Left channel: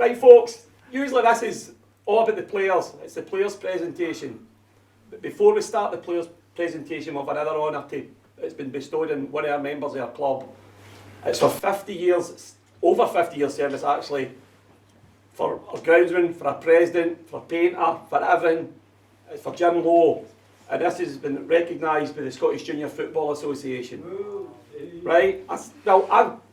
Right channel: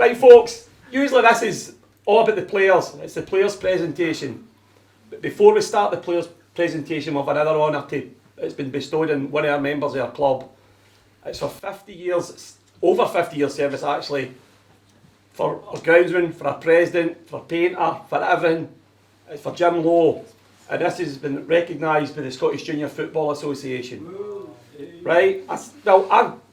Right, folks, usually this is all about the players. It's the players' presentation. But before we start the players' presentation, we have another honour it's been bestowed on one of our members of our club. It's for 50 years, it's over 50 years service actually, for our groundsman, for our president, for our painter, for everything. It's for Jim Lowe. And this has been recognised by the Scottish Junior Football Association. Right?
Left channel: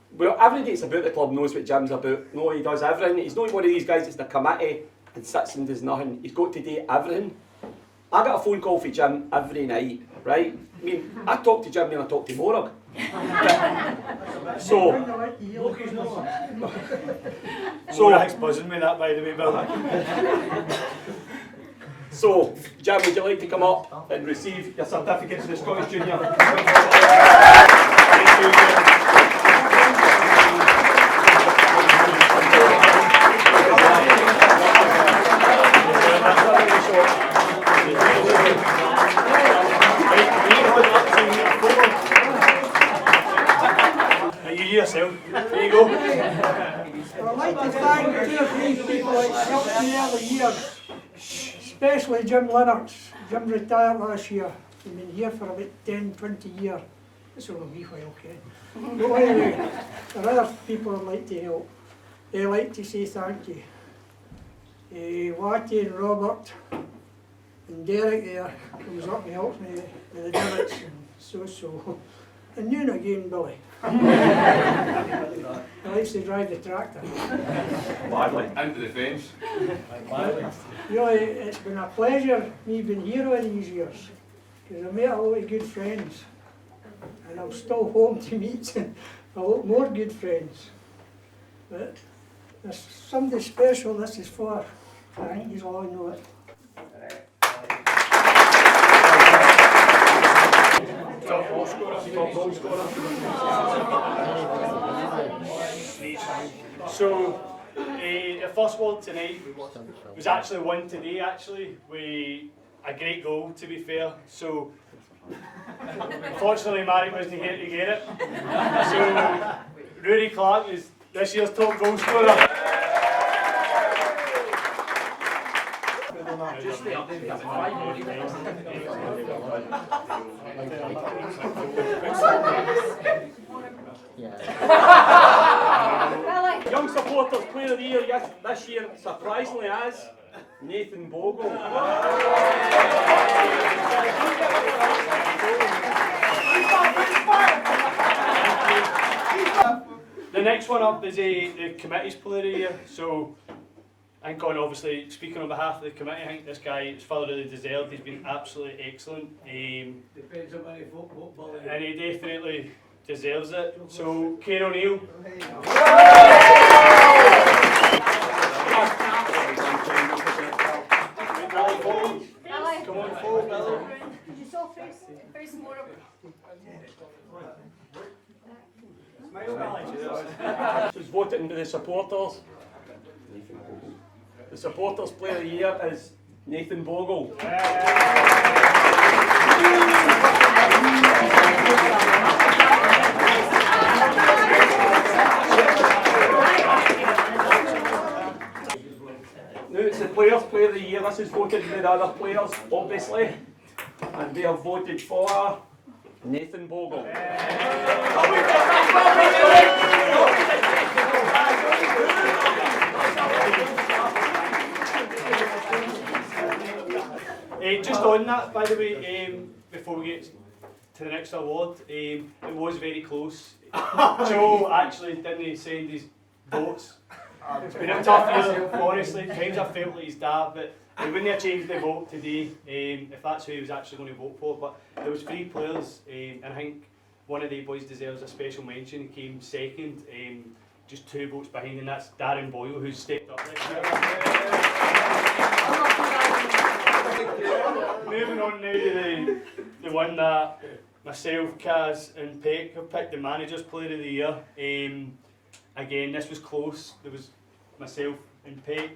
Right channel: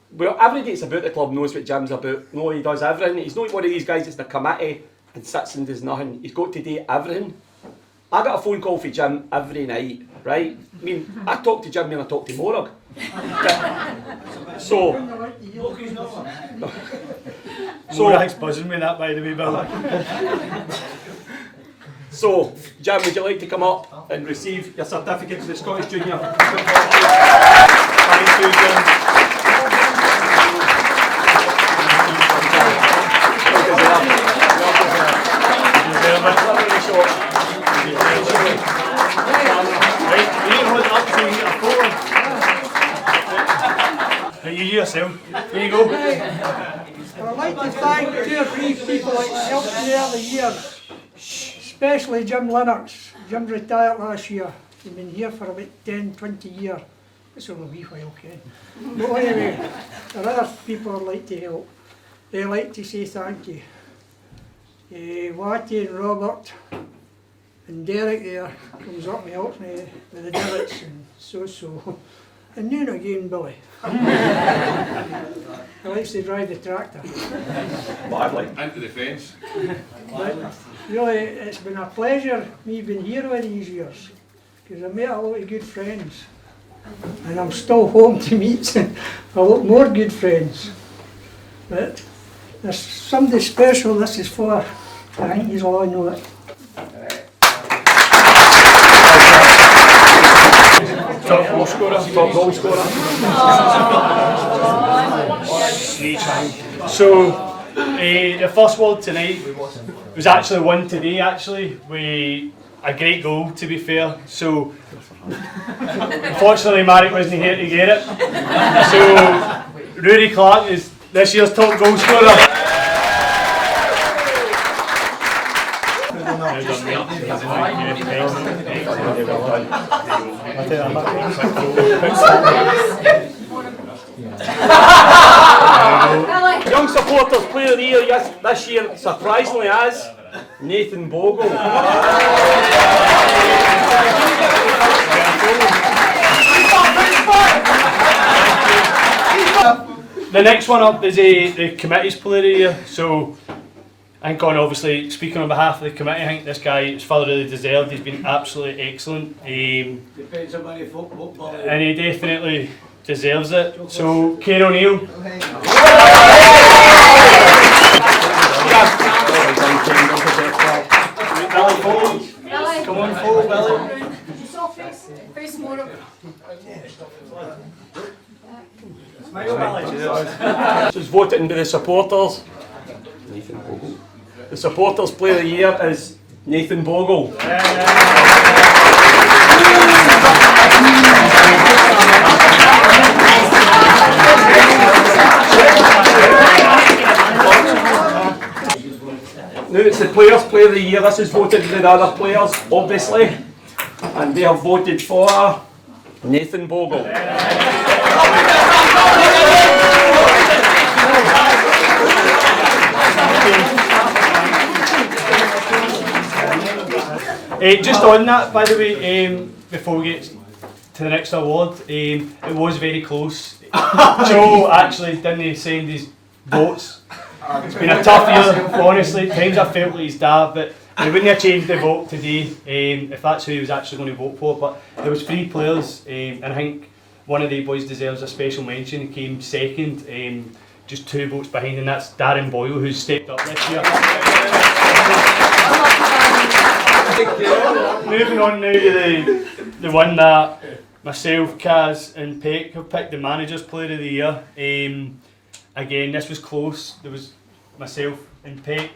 Well, everybody that's about the club knows what Jim's about. No, he does everything. He's not one of these guys that's in the committee and sits and does nothing. He's got to do everything. I got a phone call from Jim every night, right? I mean, I talk to Jim when I talk to Morag. So Morag's buzzing me that, by the way, Bill. So, Jim, would you like to come up and receive your certificate to the Scottish Junior? Thank you, Jim. You yourself. There you go. I'd like to thank 2 or 3 people that helped me early years, especially Jim Lennox. Jim retired last year. He's been here for about 10, 20 years. It's a wee while, Ken. But anyway, there are other people I'd like to help. They like to say thank you. Watty and Robert and Derek there comes up and helps me with the divots and so. And then again, Billy. He likes to drive the tractor. Badly. Into the fence. But really, it's been a pleasure me being here all these years, because I met a lot of good friends, and I'm still home to meet a lot more good friends. But there's somebody special this is for. I think you all know it. Top goal scorer. Top goal scorer. So, the first word tonight was actually won today, with a great goal, to be fair. So, unfortunately, Marek wasn't here to get it. So, Rory Clark is this year's top goal scorer. Young Supporters Player of the Year this year, surprisingly, is Nathan Bogle. The next one up is the committee's Player of the Year. So, I think, obviously, speaking on behalf of the committee, I think this guy is thoroughly deserved. He's been absolutely excellent. And he definitely deserves it. So, Kane O'Neill. Come on forward, Billy. Face more up. This is voted into the supporters. Nathan Bogle. The supporters Player of the Year is Nathan Bogle. Now it's the Players Player of the Year. This is voted by the other players, obviously. And they have voted for Nathan Bogle. Just on that, by the way, before we get to the next award, it was very close. Joe actually didn't send his votes. It's been a tough year, honestly. Times I felt like his dad, but he wouldn't have changed the vote today if that's who he was actually going to vote for. But there was 3 players, and I think one of the boys deserves a special mention. He came second, just 2 votes behind, and that's Darren Boyle, who's stepped up this year. Moving on now to the one that myself, Kaz and Peck have picked, the Manager's Player of the Year. Again, this was close. There was myself and Peck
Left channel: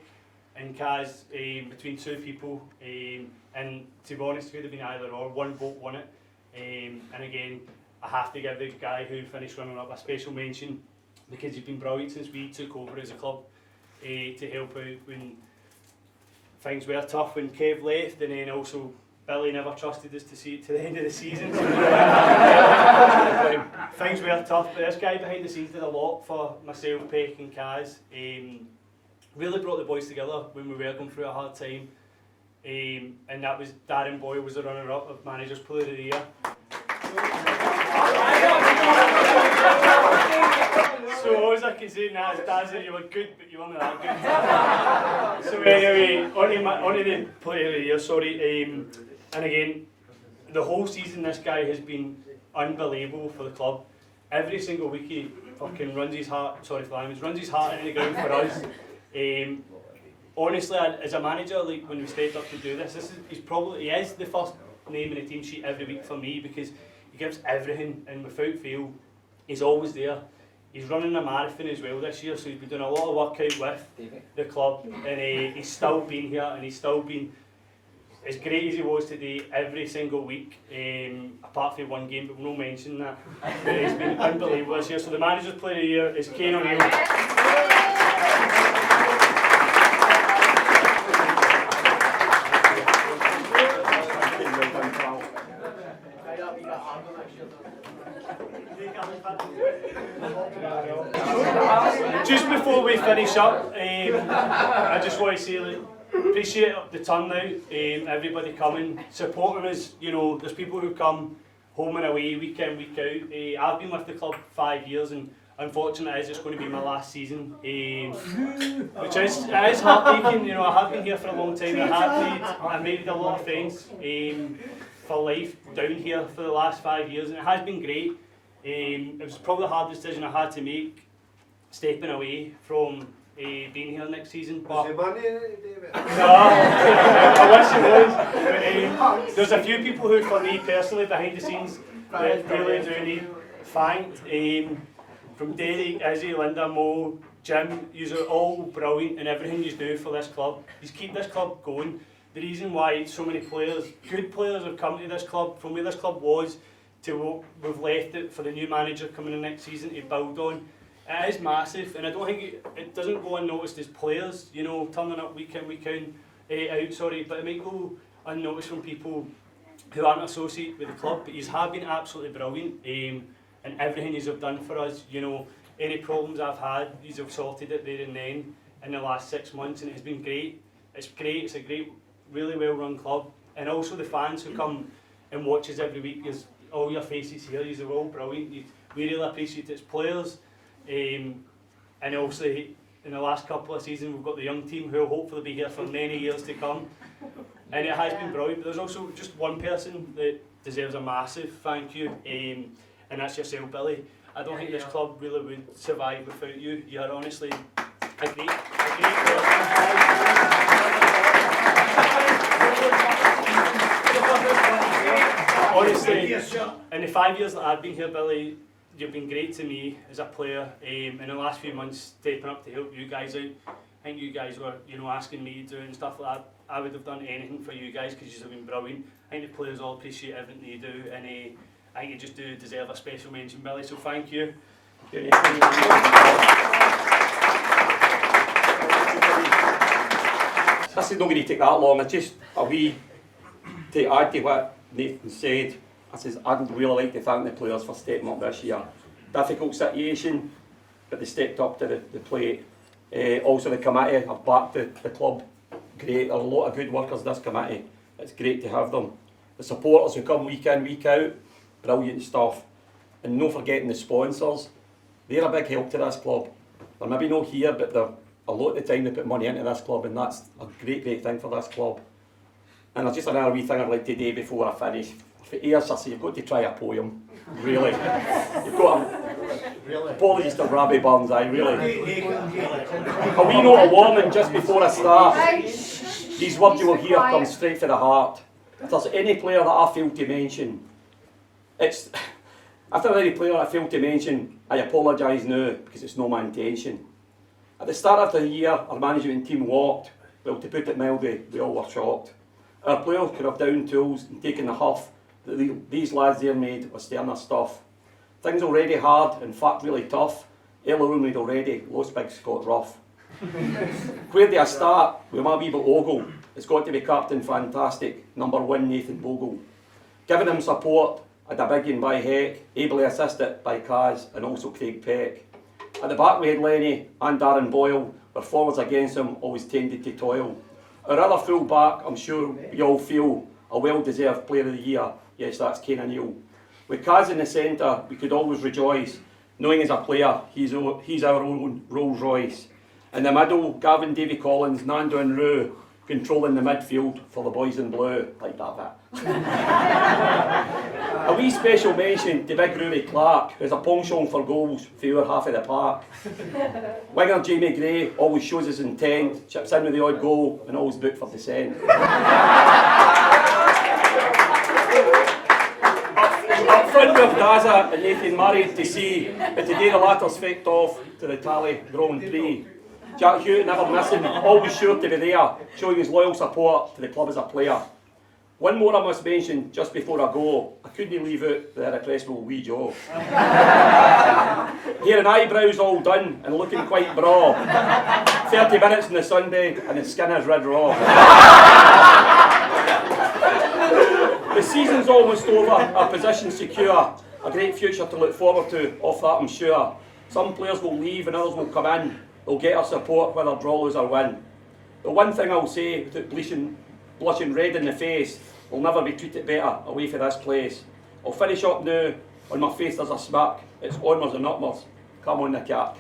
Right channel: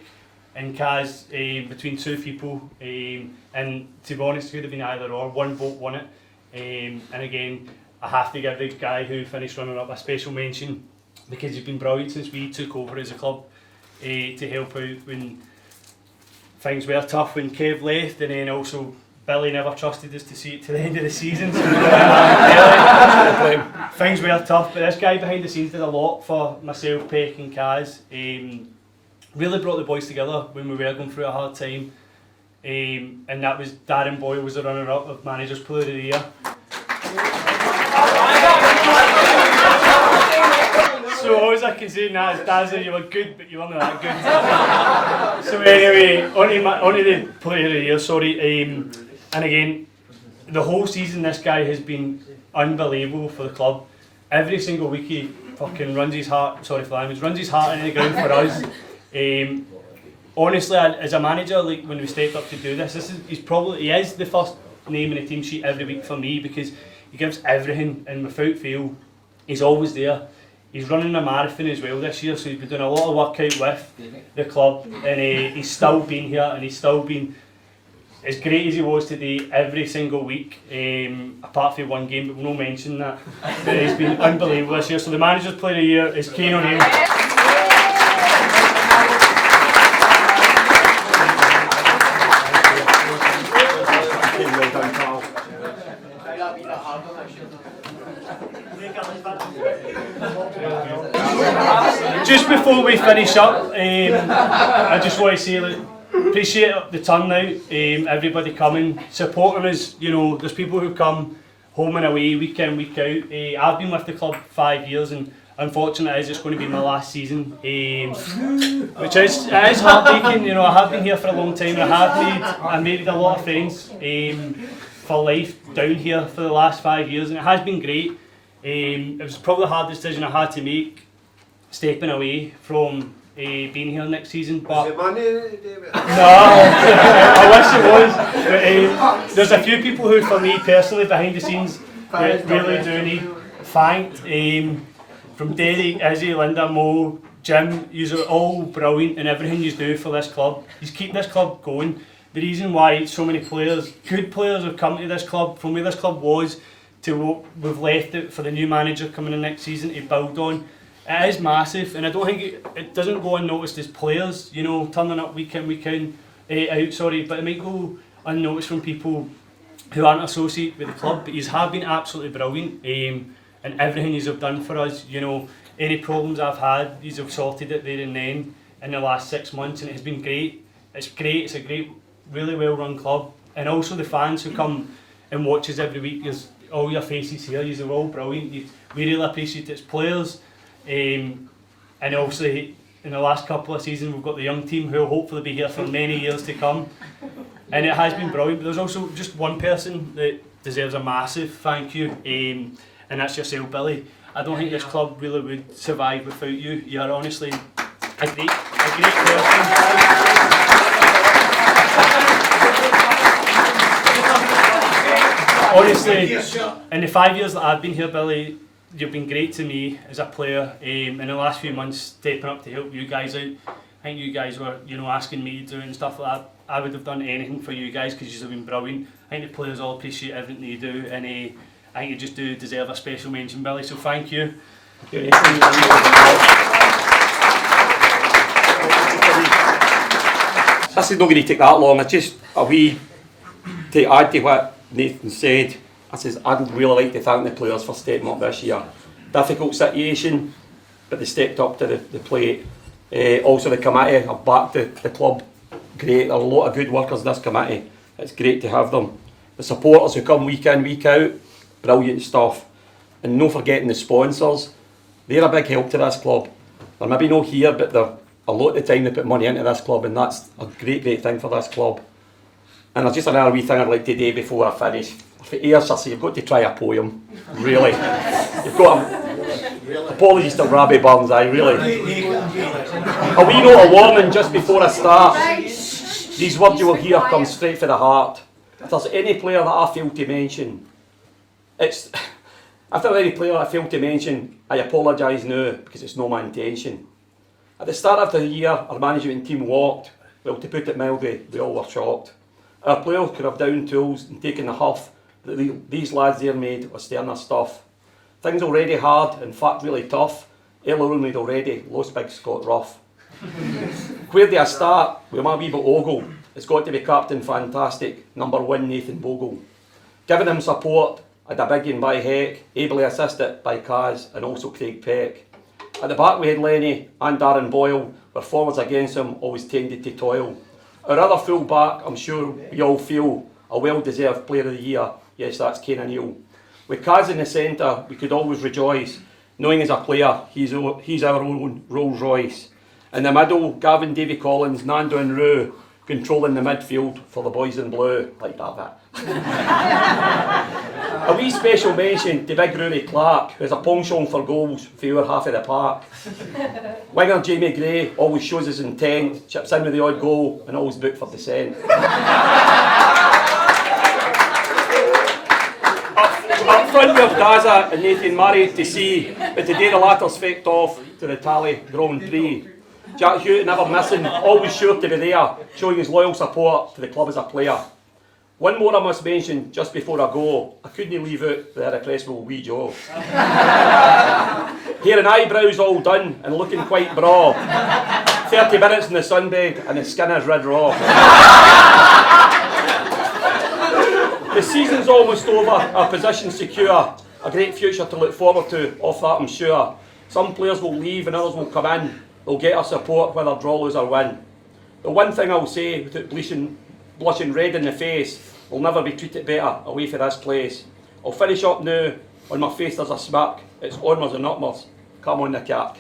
and Kaz between 2 people, and to be honest, it could have been either or. 1 vote won it, and again, I have to give the guy who finished runner-up a special mention because he's been brilliant since we took over as a club. to help out when things were tough when Kev left, and then also Billy never trusted us to see it to the end of the season. So things were tough, but this guy behind the scenes did a lot for myself, Peck and Kaz. Really brought the boys together when we were going through a hard time. And that was Darren Boyle was the runner-up of Managers Player of the Year. So all I can say now is, Dazza, you were good, but you weren't that good. So anyway, onto the Player of the Year, sorry. And again, the whole season this guy has been unbelievable for the club. Every single week he fucking runs his heart, sorry for the language, runs his heart into the ground for us. Honestly, as a manager, like when we stepped up to do this, he is the first name in the team sheet every week for me, because he gives everything, and without fail, he's always there. He's running a marathon as well this year, so he's been doing a lot of workout with the club, and he's still been here, and he's still been as great as he was today every single week, apart from one game, but we'll not mention that. But he's been unbelievable this year. So the Managers Player of the Year is Kane O'Neill. Just before we finish up, I just want to say that appreciate the turnout, everybody coming, supporting us. You know, there's people who come home and away, week in, week out. I've been with the club 5 years, and unfortunately it's going to be my last season, which is heartbreaking. You know, I have been here for a long time, and I made a lot of friends for life down here for the last 5 years, and it has been great. It was probably the hardest decision I had to make, stepping away from being here next season. But no, I wish it was. But, there's a few people who, for me personally, behind the scenes, really do need thanked. From Derek, Izzy, Linda, Mo, Jim, you are all brilliant in everything you do for this club. You keep this club going. The reason why so many players, good players, have come to this club, from where this club was to what we've left it for the new manager coming in next season to build on. It is massive, and I don't think it doesn't go unnoticed as players, you know, turning up week in, week out, but it might go unnoticed from people who aren't associated with the club. But you have been absolutely brilliant, and everything you have done for us. You know, any problems I've had, you have sorted it there and then in the last 6 months, and it has been great. It's great. It's a great, really well run club, and also the fans who come and watch us every week. There's all your faces here. You're all brilliant. We really appreciate it as players. And also in the last couple of seasons we've got the young team who will hopefully be here for many years to come, and it has been brilliant. But there's also just one person that deserves a massive thank you, and that's yourself, Billy. I don't think this club really would survive without you. You are honestly a great person. Honestly, in the 5 years that I've been here, Billy, you've been great to me as a player. In the last few months, stepping up to help you guys out. I think you guys were, you know, asking me to do and stuff like that. I would have done anything for you guys because you have been brilliant. I think the players all appreciate everything you do, and I think you just do deserve a special mention, Billy. So thank you. This is not going to take that long. It's just a wee to add to what Nathan said. I'd really like to thank the players for stepping up this year. Difficult situation, but they stepped up to the plate. Also the committee have backed the club. Great, there are a lot of good workers in this committee. It's great to have them. The supporters who come week in, week out, brilliant stuff. And no forgetting the sponsors. They're a big help to this club. They're maybe not here, but they're a lot of the time they put money into this club, and that's a great thing for this club. And there's just another wee thing I'd like to do before I finish. For Ayr, you've got to try a poem, really. You've got apologies to Robbie Burns, really. A wee note of warning just before I start. These words you will hear come straight from the heart. If there's any player that I fail to mention, if there's any player I fail to mention, I apologise now, because it's not my intention. At the start of the year, our management team walked. Well, to put it mildly, we all were shocked. Our players could have down tools and taken the huff that these lads there made was sterner stuff. Things already hard, in fact really tough. Ellerwood had already lost big Scott Rough. Where do I start? With my wee bit Ogle. It's got to be Captain Fantastic, number 1 Nathan Bogle. Giving him support, I had a big one by Heck, ably assisted by Kaz and also Craig Peck. At the back we had Lenny and Darren Boyle, where forwards against him always tended to toil. Our other full back, I'm sure we all feel, a well-deserved player of the year, yes, that's Kane O'Neill. With Kaz in the centre, we could always rejoice, knowing as a player, he's our own Rolls Royce. In the middle, Gavin, Davy Collins, Nando and Roo, controlling the midfield for the boys in blue, like that bit. A wee special mention to big Rory Clark, who's a penchant for goals for our half of the park. Winger Jamie Gray always shows his intent, chips in with the odd goal and always booked for descent. Up front with Daza and Nathan married to see, but today the latter's fecked off to the Tally Grand Prix. Jack Hewitt never missing, always sure to be there, showing his loyal support to the club as a player. One more I must mention just before I go, I couldn't leave out the irrepressible wee Joe. Hair and eyebrows all done and looking quite braw. 30 minutes in the sunbed and his skin is red raw. The season's almost over, our position's secure. A great future to look forward to, off that I'm sure. Some players will leave and others will come in. They'll get our support whether draw, lose or win. The one thing I'll say, without blushing red in the face, we'll never be treated better away from this place. I'll finish up now, on my face there's a smirk, it's onwards and upwards, come on the cap.